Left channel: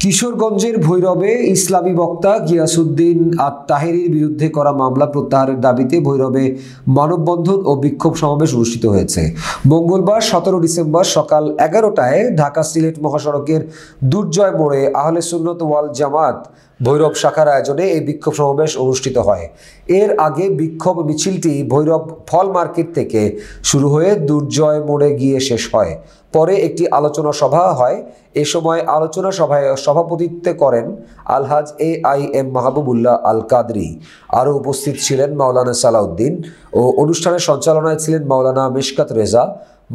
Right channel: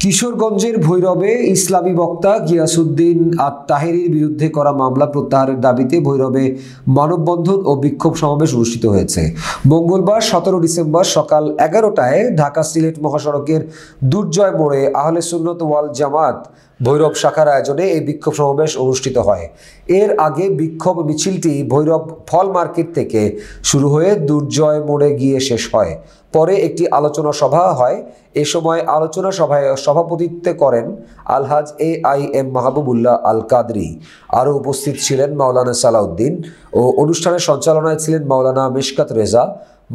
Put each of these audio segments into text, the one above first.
কিশোরগঞ্জের ভৈরবে ইসলামী বক্তা গিয়াসউদ্দিন আত-তাহেরীর বিরুদ্ধে করা মামলা প্রত্যাহারের দাবিতে ভৈরবে মানববন্ধন ও বিক্ষোভ সমাবেশ অনুষ্ঠিত হয়েছে। মঙ্গলবার 17 ডিসেম্বর সকাল 11টায় ঢাকা সিলেট মহাসড়কের দুর্জয় মোড়ে আহলে সুন্নত ওয়াল জামাত ভৈরব শাখার আয়োজনে এই বিক্ষোভ সমাবেশ অনুষ্ঠিত হয়। এর আগে বিক্ষোভ মিছিলটি ভৈরব ফল মার্কেট থেকে শুরু হয়ে দুর্জয় মোড়ে গিয়ে শেষ হয়। পরে একটি আলোচনা সভা হয়। এ সময় আলোচনা সভায় সভাপতিত্ব করেন আলহাজ AIM মাহবুবুল্লাহ আল কাদরি। আরও উপস্থিত ছিলেন মাওলানা সালাউদ্দিন ও অনুষ্ঠানের সঞ্চালনায় ছিলেন মাওলানা মিশকাত রেজা।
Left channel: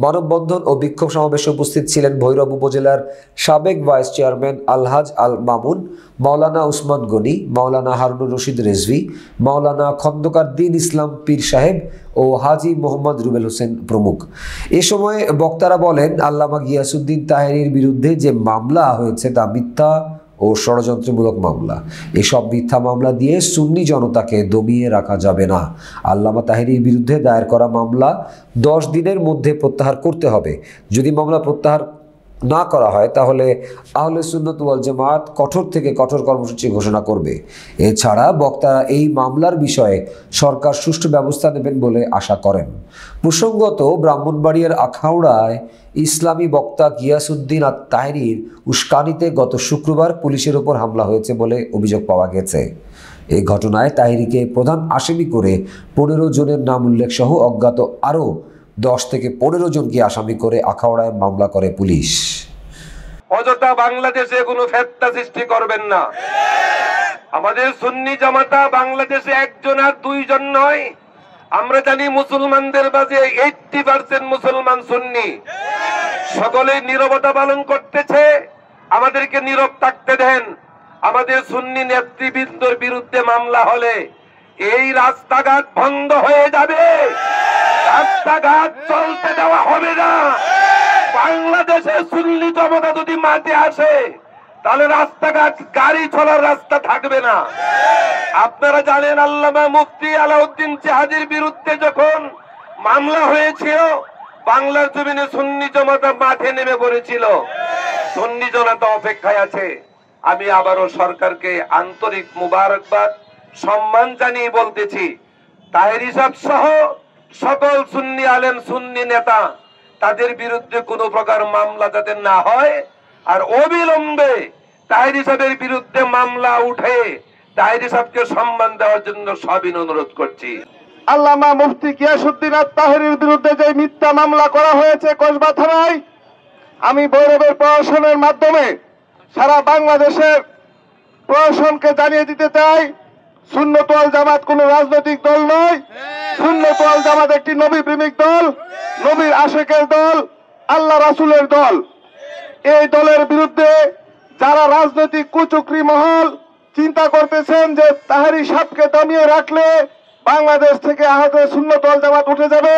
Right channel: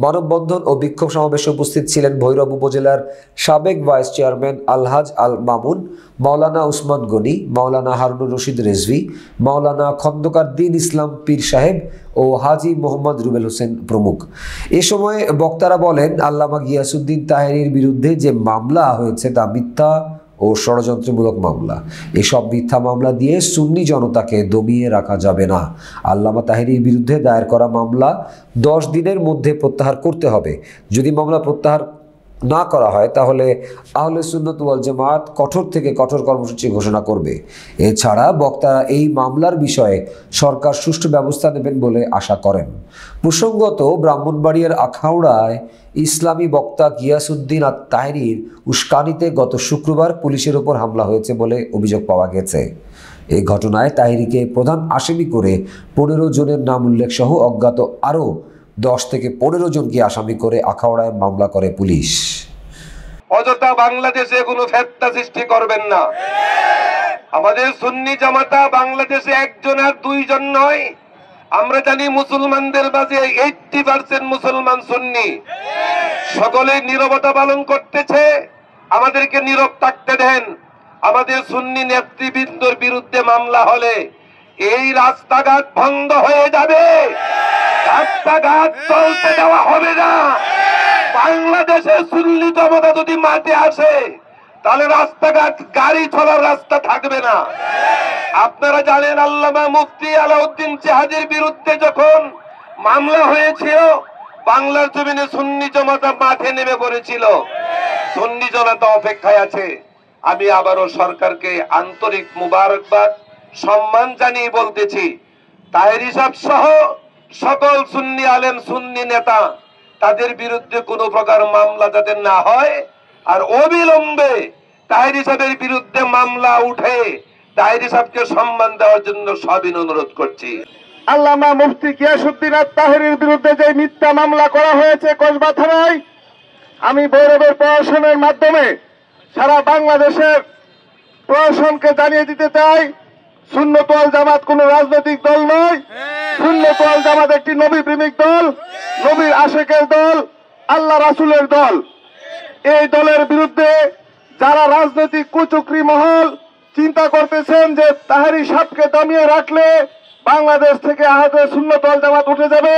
মানববন্ধন ও বিক্ষোভ সমাবেশে উপস্থিত ছিলেন ভৈরব উপজেলার সাবেক ভাইস চেয়ারম্যান আলহাজ আল মামুন, মাওলানা উসমান গনি, মাওলানা হারুনুর রশিদ রেজভি, মাওলানা খন্দকার দ্বীন ইসলাম পীর সাহেব ও হাজি মোহাম্মদ রুবেল হোসেন প্রমুখ। এ সময় বক্তারা বলেন, আল্লামা গিয়াসউদ্দিন তাহেরীর বিরুদ্ধে যে মামলা হয়েছে তা মিথ্যা ও ষড়যন্ত্রমূলক মামলা। এসব মিথ্যা মামলা দিয়ে সুন্নি জনতাকে দমিয়ে রাখা যাবে না। আল্লামা তাহেরীর বিরুদ্ধে দায়ের করা মামলা 10 দিনের মধ্যে প্রত্যাহার করতে হবে। যদি মামলা প্রত্যাহার না করা হয় তাহলে আহলে সুন্নাত ওয়াল জামাত কঠোর থেকে কঠোর কর্মসূচি ঘোষণা করবে। এছাড়া বক্তারা এই মামলার বিষয়ে সরকার সুষ্ঠু ব্যবস্থা নেবেন বলে আশা করেন। প্রসঙ্গত, ব্রাহ্মণবাড়িয়ার আখাউড়ায় ইসলামী বক্তা গিয়াসউদ্দিন আত-তাহেরীর উস্কানিতে গত শুক্রবার পুলিশের ওপর হামলা হয়েছে বলে অভিযোগ পাওয়া গেছে। এই ঘটনায় তাহেরীকে প্রধান আসামি করে 15 জনের নাম উল্লেখ সহ অজ্ঞাত আরও 10 থেকে 15 জনকে আসামি করে আখাউড়ায় মামলা করে পুলিশ। অযথা বাংলাদেশে কোনো ফেতনা সৃষ্টি করবেন না। আমাদের সুন্নি জামাতা বাংলাদেশে একজন আর দুইজন নয়। আমরা জানি মুসলমানদের মাঝে 80% মুসলমান সুন্নি। সকলে নীরবতা পালন করতেছে, আমাদেরকে নীরব থাকতে দেন। আমাদের সুন্নি নেতৃবৃন্দর বিরুদ্ধে মামলা হলে এই রাস্তাঘাট বন্ধ হয়ে যাবে, রাস্তাঘাট চলতে দেওয়া হবে না। বাংলাদেশের সুন্নি জনতা যদি মাঠে আসে তাহলে রাস্তাঘাট গাড়ি চলার রাস্তা থাকবে না। আপনারা জানেন, আল্লামা মুফতি আলাউদ্দিন জাহাজের বিরুদ্ধে যখন মামলা হয়েছিল, বাংলার জমিনে সুন্নি জনতা মাঠে নেমে পড়েছিল। সুন্নি জনতা অপেক্ষায় আছে। আমি আবারও সরকারকে আন্তরিক মুবারকবাদ সম্মান জানিয়ে বলতেছি, তাহেরী সাহেব সহ সকল সুন্নি আলেম সুন্নি নেতা তাদের বিরুদ্ধে কোনো প্রকার মামলা যাতে না হয়, আর অবিলম্বে তাহেরী সাহেবের বিরুদ্ধে মামলা উঠে তাহেরী সাহেবকে সম্মান দেওয়ার জন্য সবিনয় অনুরোধ করছি। আল্লামা মুফতি গিয়াসউদ্দিন আত-তাহেরীর বিরুদ্ধে যে মিথ্যা মামলা করা হয়েছে কসবা থানায়, আমি ভৈরবের প্রশাসনের মাধ্যমে সারা বাংলাদেশের প্রশাসনকে জানিয়ে দিতে চাই, সুন্নত ওয়াল জামাত কোন রাজনৈতিক দল নয়। সুন্নত ওয়াল জামাত একটি নবী প্রেমিক দল, নবীর আশেকের দল, আল্লাহ রাসূলের দল। এই দলের বিরুদ্ধে যারা রাজনৈতিক কুচক্রী মহল চিন্তা করতেছেন যে তাহেরী সাহেবকে দমিয়ে রাখলে বাংলাদেশ থেকে আহলে সুন্নত ওয়াল জামাত উঠে যাবে,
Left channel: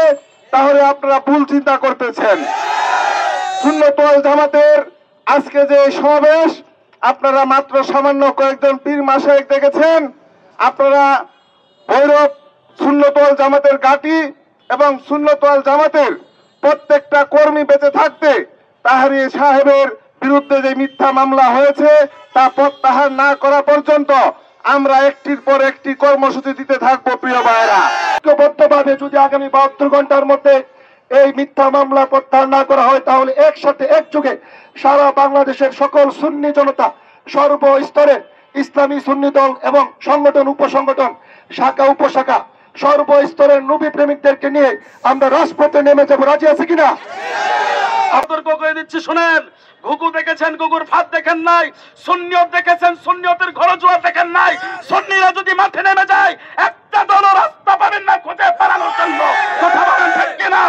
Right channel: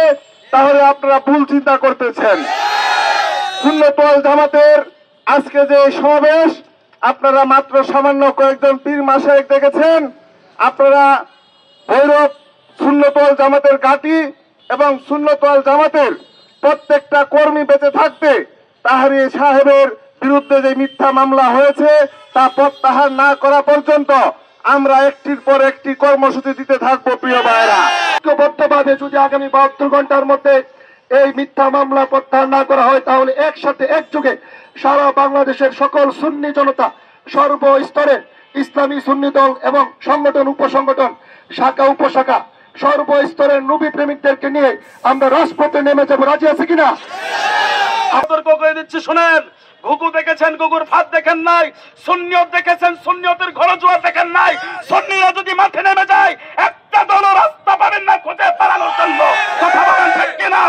তাহলে আপনারা ভুল চিন্তা করতেছেন। সুন্নত ওয়াল জামাতের আজকে যে সমাবেশ, আপনারা মাত্র সামান্য কয়েকজন পীর মাশায়েখ দেখেছেন। আপনারা ভৈরব সুন্নত ওয়াল জামাতের ঘাঁটি এবং সুন্নত ওয়াল জামাতের প্রত্যেকটা কর্মী বেঁচে থাকতে তাহেরী সাহেবের বিরুদ্ধে যে মিথ্যা মামলা হয়েছে তা প্রত্যাহার না করা পর্যন্ত আমরা একটির পর একটি কর্মসূচি দিতে থাকবো। প্রিয় ভাইয়েরা, ঐক্যবদ্ধভাবে যদি আগামী 72 ঘন্টার মধ্যে এই মিথ্যা মামলা প্রত্যাহার না করা হয় তাহলে একসাথে একযোগে সারা বাংলাদেশের সকল সুন্নি জনতা সর্বস্তরে ইসলামী সুন্নি দল এবং সংগঠন উপসংগঠন শাখা উপশাখা সর্বস্তরের নবী প্রেমিকদেরকে নিয়ে আমরা রাজপথে নেমে যাবো। রাজি আছে কিনা? সতর্ক করে দিচ্ছি, শোনেন। ঘুঘু দেখেছেন, ঘুঘুর ফাঁদ দেখেন নাই। সুন্নিয়ত দেখেছেন, সুন্নিয়তের ঘরজুয়া দেখেন নাই। সুন্নিরা যদি মাঠে নেমে যায়, একটা দলও রাস্তা পাবেন না খুঁজে পালানোর জন্য। কথা বলেন ঠিক কিনা?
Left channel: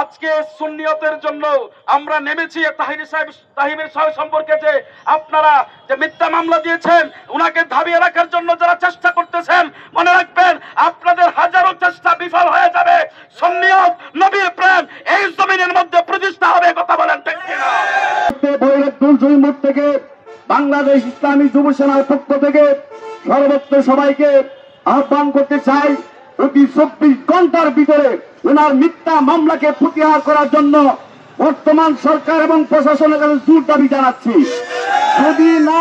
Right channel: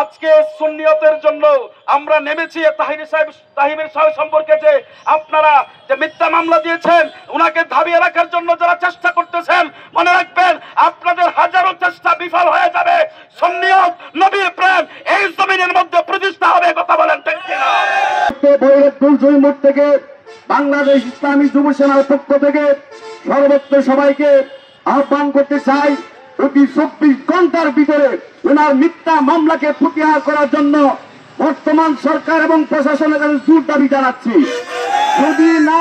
আজকে সুন্নিয়তের জন্য আমরা নেমেছি। তাহেরী সাহেব সম্পর্কে যে আপনারা যে মিথ্যা মামলা দিয়েছেন, উনাকে দাবিয়ে রাখার জন্য যারা চেষ্টা করতেছেন, মনে রাখবেন আপনাদের হাজারো চেষ্টা বিফল হয়ে যাবে। সুন্নিয়ত নবী প্রেম এই জমিনের মধ্যে প্রতিষ্ঠা হবে। কথা বলেন ঠিক কিনা? ভৈরব দুর্জয় মুখ থেকে বাংলাদেশ ইসলামী যুব সেনার পক্ষ থেকে সর্বত্র সবাইকে আহ্বান করতে চাই, অতি 24 ঘন্টার ভিতরে ওনার মিথ্যা মামলাকে প্রত্যাহার করার জন্য বর্তমান সরকার এবং প্রশাসনের কাছে জোর দাবি জানাচ্ছি, যদি না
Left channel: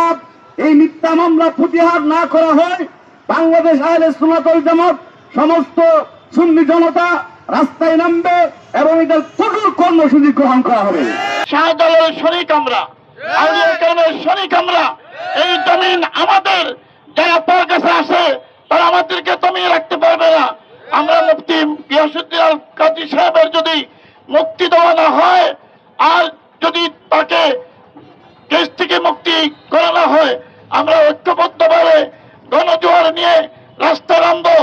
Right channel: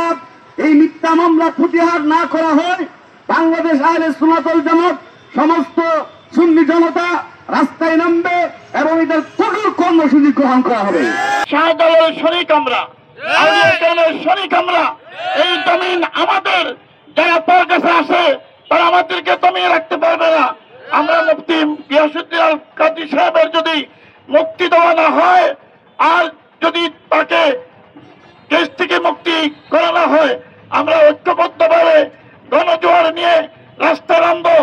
এই মিথ্যা মামলা প্রত্যাহার না করা হয়, বাংলাদেশ আহলে সুন্নাত ওয়াল জামাত সমস্ত সুন্নি জনতা রাস্তায় নামবে এবং এদের কঠোর কর্মসূচি গ্রহণ করা হবে। শাহজালালের শরীক আমরা, আউলিয়া কালামের শরীক আমরা। এই জমিন আমাদের, যারা পর কাছে আসে তারা আমাদেরকে দমিয়ে রাখতে পারবে না। আমরা মুফতি গিয়াসউদ্দিন আল কাজী সাহেবের যদি মুক্তি দেওয়া না হয়, আর যদি তাকে দেশ থেকে মুক্তি করানো হয়, আমরা ঐক্যবদ্ধভাবে গণজোয়ার নিয়ে রাস্তা নামবো।